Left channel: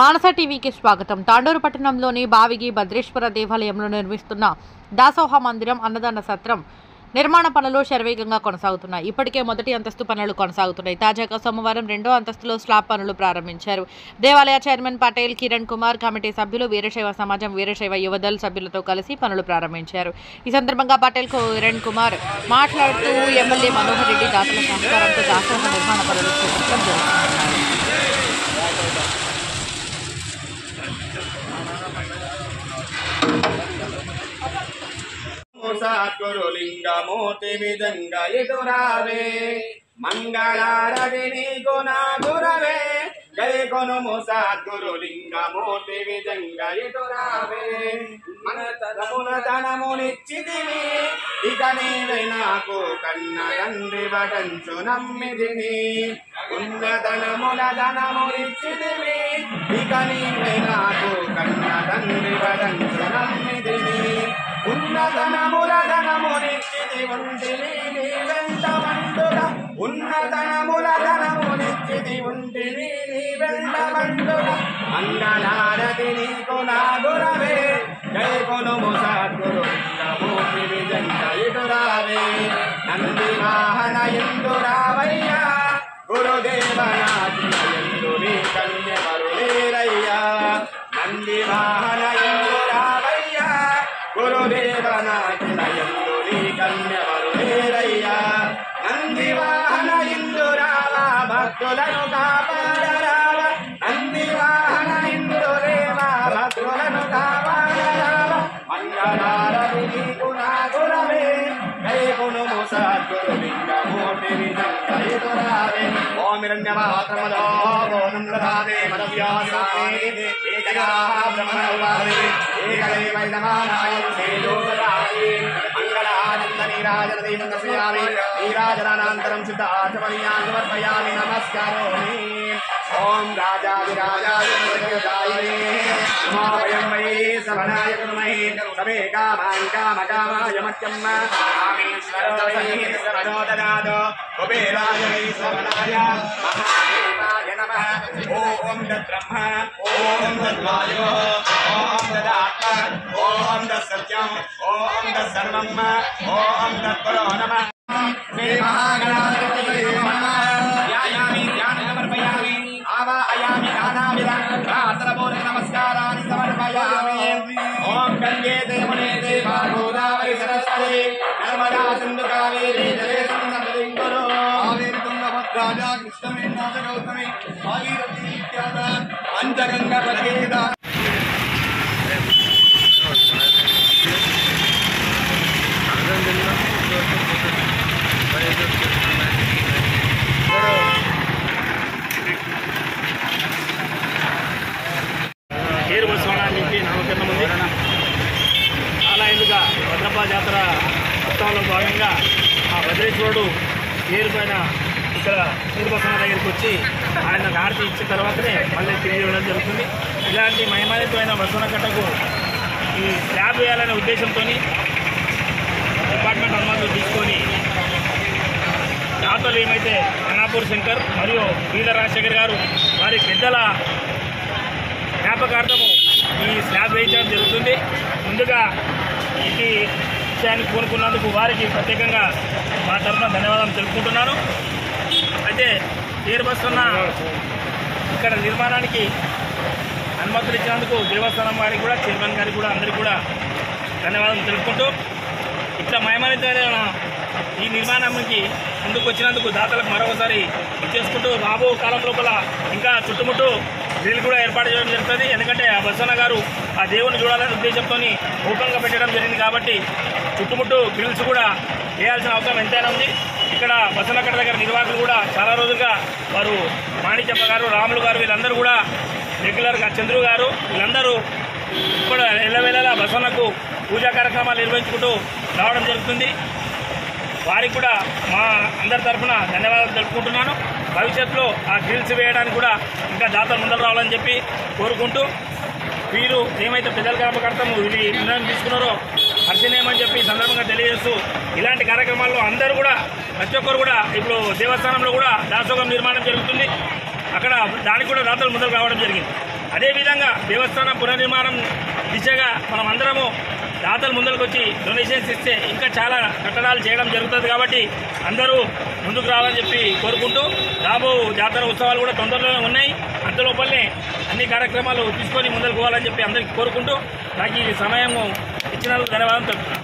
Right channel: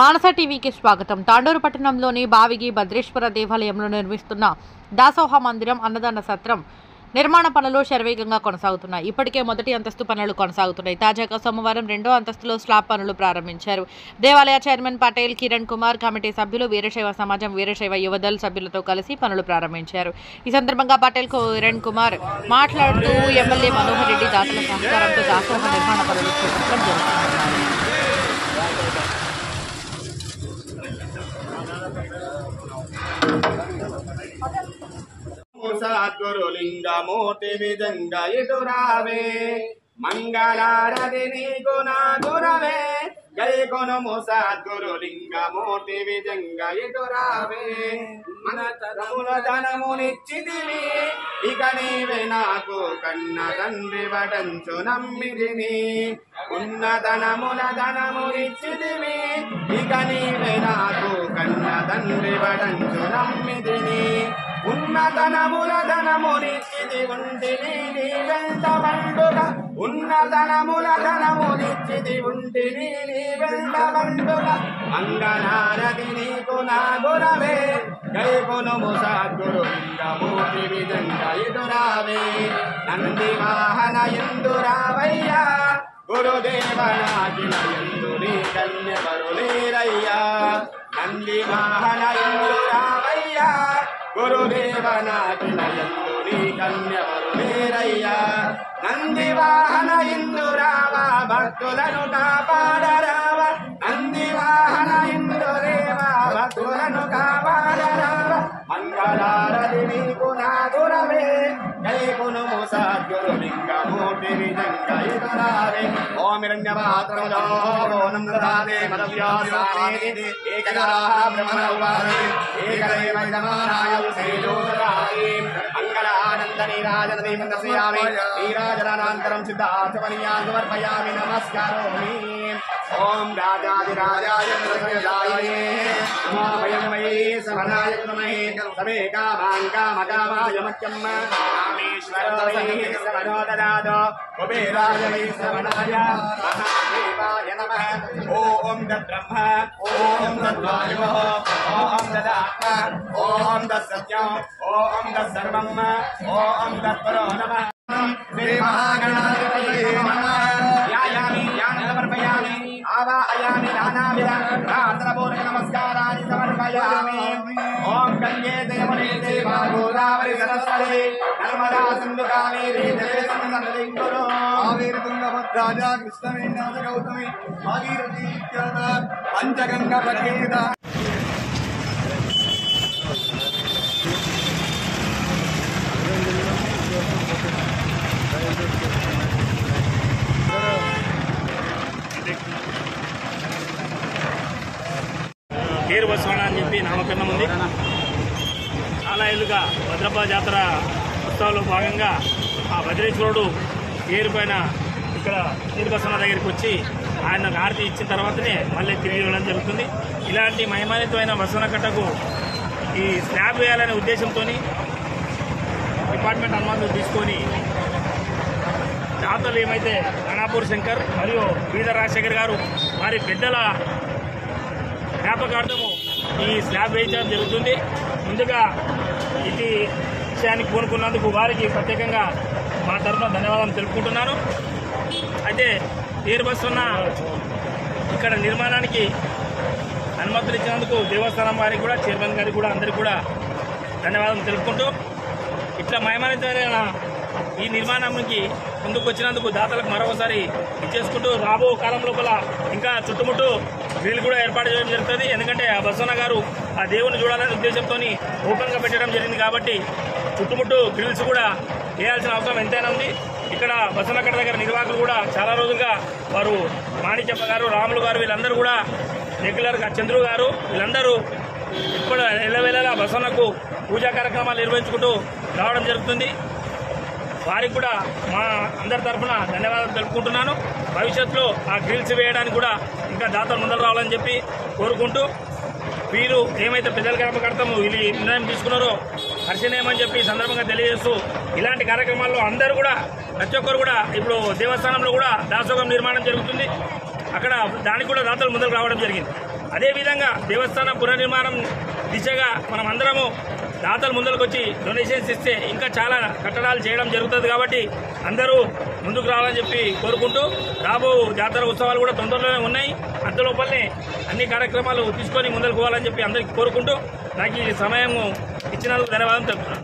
మానస టీవీకి స్వాగతం. తాండూరు పట్టణంలోని బావిగి భద్రేశ్వర దేవాలయంలో నిర్మిస్తున్న దాసోహ మందిరం అన్నదాన సత్రం నిర్మాణ పనులు శరవేగంగా కొనసాగుతున్నాయి. ఇప్పటికే మొదటి అంతస్తు పనులు కొనసాగుతున్నాయి. తాజాగా సోమవారం రెండో అంతస్తులో స్లాబ్ పనులు ప్రారంభించారు. దేవాలయ చైర్మన్ పటేల్ కిరణ్ కుమార్, కమిటీ సభ్యులు, వీరశైవ సమాజం, వీరశైవ యువదల్ సభ్యులతో కలిసి పనులు ప్రారంభించారు. ఈ సందర్భంగా పటేల్ కిరణ్ కుమార్ మాట్లాడుతూ ఎమ్మెల్యే మనోహర్ రెడ్డి దాతల సహకారంతో దాసోహ నిర్మాణ పనులు చేపట్టడం జరుగుతుందన్నారు. సద్గురులింగమూర్తి విజంగ ఎదురావే మంగళారతి నీకు నా గురవే గై కొనుము సద్గురులింగమూర్తి విజంగ ఎదురావే మన తరముల ధనమునిచ్చితివి ఇక నీవే నాకు కన్న తండ్రి వడంచు నమ్మిదిని ఉన్నతనముల ధనమునిచ్చితివి ఇక నీవే నాకు కన్న తండ్రి వడంచు నమ్మిదిని ఉన్నతనముల ధనమునిచ్చితి ఉంటిని నీ వెంట బండుల ఉన్నతనముల ధనమునిచ్చితి ఉంటిని నీ వెంట బండుల మంగళారతి నీకు నా గురవే జై కొనుము సద్గురులింగమూర్తి విజంగ ఎదురావే నంది వాహన ఇందురావయ్యా గురుదేవ నాటిన ఎందు నీ కన్యవరులేరయ్యా నంది వాహన ఇందురావయ్యా గురుదేవ నాటిన ఎందు నీ కన్యవరులేరయ్యా నంది వాహన ఇందురావా భక్తులను కాపాడరావ నంది వాహన ఇందురేవా భక్తులను కాపాడరావ మంగళారతి నీకు నా గురవే జై కొనుము సద్గురులింగమూర్తి విజంగ ఎదురావే ఓం హిరణ్యపాత్రమదో ఓం దదాతే మదవ్యాసామి ఏకగాః బ్రహ్మణ ఉపాసతే ఏకదైవ నమానాయ సేయోదరాయే మంగళానంద నీరాజనదీం దర్శయామి నీరాజనానంతరం సిద్ధార్థపర్యాన్ని సమర్పయామి నమస్కారోమి ఓం రాజాదిరాజాయ ప్రజాయ నమో వై సవనాయ నమః సమే కామాన్ కామకామాయ మఖ్యం రామేశ్వరాయ సర్వదనాదో కుబేరాయ సవనాయ మహాదేవాయ నమః ఓం తద్బ్రహ్మ ఓం తద్వాయో ఓం తదాత్మ ఓం తత్సత్యం ఓం తత్సర్వం ఓం తత్పరో నమః శ్రీ మహాగణాధిపతయే నమః యాయామి ధ్యానమర్పయామి ఆవాహయామి గానాభిరాత్రపూర్ణ నమస్కారాన్ని సమర్పయామి ఓం గంగే యమునే చైవ గోదావరి సరస్వతి నర్మదా సింధు కావేరీ జలేస్మిన్ సన్నిధిం కురు కావేరీ తుంగభద్రా కృష్ణవేణి గౌతమి భాగీరథీ ఇత్యాద పంచగంగా ప్రతిష్ఠిత పేరు బసవనాన్ని చెప్పి నామకరణం ఉంది. చాలా ఏళ్ళుగా భద్రప్ప జాతర ఉత్సవంలో భాగంగా ఆ భద్రేశ్వరుడు పేరు పైన ఇక్కడ పేరు బసవన దగ్గరికి వచ్చి ఆయన హారతి ఇచ్చిన తర్వాతనే మళ్ళీ తిరిగి ఇవ్వడం జరుగుతుంది. ఇలాంటి మహిమానితమైన బసవన కట్టకు ఈ స్లాబ్ వేయాలనే ఉద్దేశంతో డిపార్ట్మెంట్ అనుమతులు తీసుకొని దాతలు ఏమైతే అనాపూర్ శంకర్ మరియు బీద రాజశేఖర్ గారు వారి పెద్దల జ్ఞాపకార్థము ఈ స్లాబ్ వేయించడం జరుగుతుంది. ముందుగా ఇది విషయాన్ని కోరుకున్నందుకు వారికి ప్రత్యేకంగా మా తరఫున ధన్యవాదాలు తెలుపుకుంటున్నాను. అయితే తీరుబస్తున్న ఇక్కడ నిర్మాణానికి అనుమతులు ఇచ్చినందుకు దేవస్థానం వారికి కూడా, చైర్మన్ గారికి కూడా, అందరికీ కూడా ధన్యవాదాలు తెలుపుకుంటూ ఇట్లా మహిమానితమైన ఈ నిర్మాణానికి ముందుకు వచ్చినందుకు దాతలకు మరొకసారి ఇచ్చేసుకుంటూ రాబో కాలం లోపల ఇంకా చుట్టుముట్టు గ్రిల్ కూడా ఏర్పాటు చేయడం జరుగుతుంది. ఎందుకంటే ఆ బసవన్న గారు ఆ దేవుని చూడాలనే ఉద్దేశంతో ఓపెన్గా పెట్టడం జరిగింది కాబట్టి చుట్టుముట్టు గ్రిల్స్ కూడా వేయాల్సిన అవసరం ఎంతైనా ఉంది. ఇక్కడ బసవన్నకట్ట దగ్గర నిర్వాహకులు కూడా చాలా రోజులుగా వారు మాణిక్యప్ప గారు, రాములు గారు వీళ్ళందరూ కూడా రెగ్యులర్గా, చంద్రు గారు వీళ్ళందరూ ఇప్పుడు ఎల్లవేళలా బసవన్నకు పూజా కార్యక్రమాలు నిర్వహించుకుంటూ రావడం జరుగుతుంది. వారికి కూడా మా అందరి తరఫున ధన్యవాదాలు తెలుపుకుంటున్నాను. భవిష్యత్తులో ఆ గ్రిల్స్ వేయడానికి కూడా ఇంకా దాతలు ముందర రావాలని చెప్పి కోరుకుంటూ వీరు ఏమైతే పెద్దల జ్ఞాపకార్థం ఇది నిర్ణయం తీసుకున్నారో హర్షణీయమని చెప్పి సందర్భంగా తెలియజేస్తూ ఇలాంటి కార్యక్రమాల్లో అందరూ కూడా ప్రతి ఒక్కరు కూడా ఇప్పుడు దేవస్థానంలో కూడా దాసోహం నిర్మాణం జరుగుతుంది. అక్కడ దానికి కూడా దాతలు ముందుకు రావడం జరిగింది. అదేవిధంగా దేవస్థాన పునర్నిర్మాణం దిశగా మనం అందరము దాతలు ముందరకు వచ్చి డొనేషన్స్ ఇస్తే ఇంకా చాలా కట్టడాలు చేయడం జరుగుతుంది కాబట్టి అందరూ ముందుకు రావాలని చెప్పి కోరుకుంటూ రాబో జాతర ఉత్సవాలు కూడా తొందరలోనే ఉన్నాయి. అంతలోపలనే అన్ని కార్యక్రమాలు తీసుకొని ముందరకు పోవాలని చెప్పి అందరికీ కోరుకుంటూ నాకు ఈ సమయం ఇచ్చినందుకు ధన్యవాదాలు తెలుపుతున్నాను.